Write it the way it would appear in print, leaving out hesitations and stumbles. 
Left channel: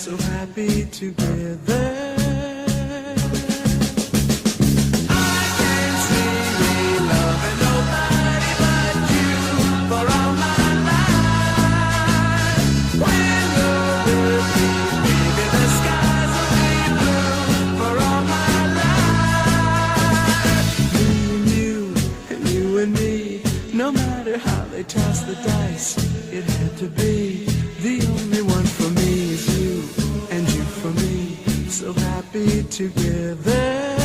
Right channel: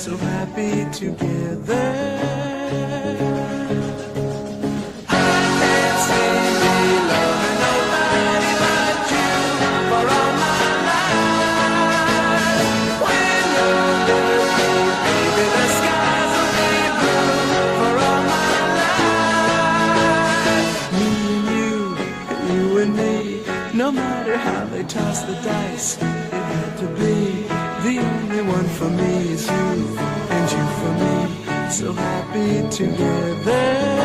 so happy together. I can't see me loving nobody but you for all my life. When you're with me, baby, the skies will be blue for all my life. Me and you and me, no matter how they toss the dice, it had to be. The only one for me is you, and you for me, so happy together.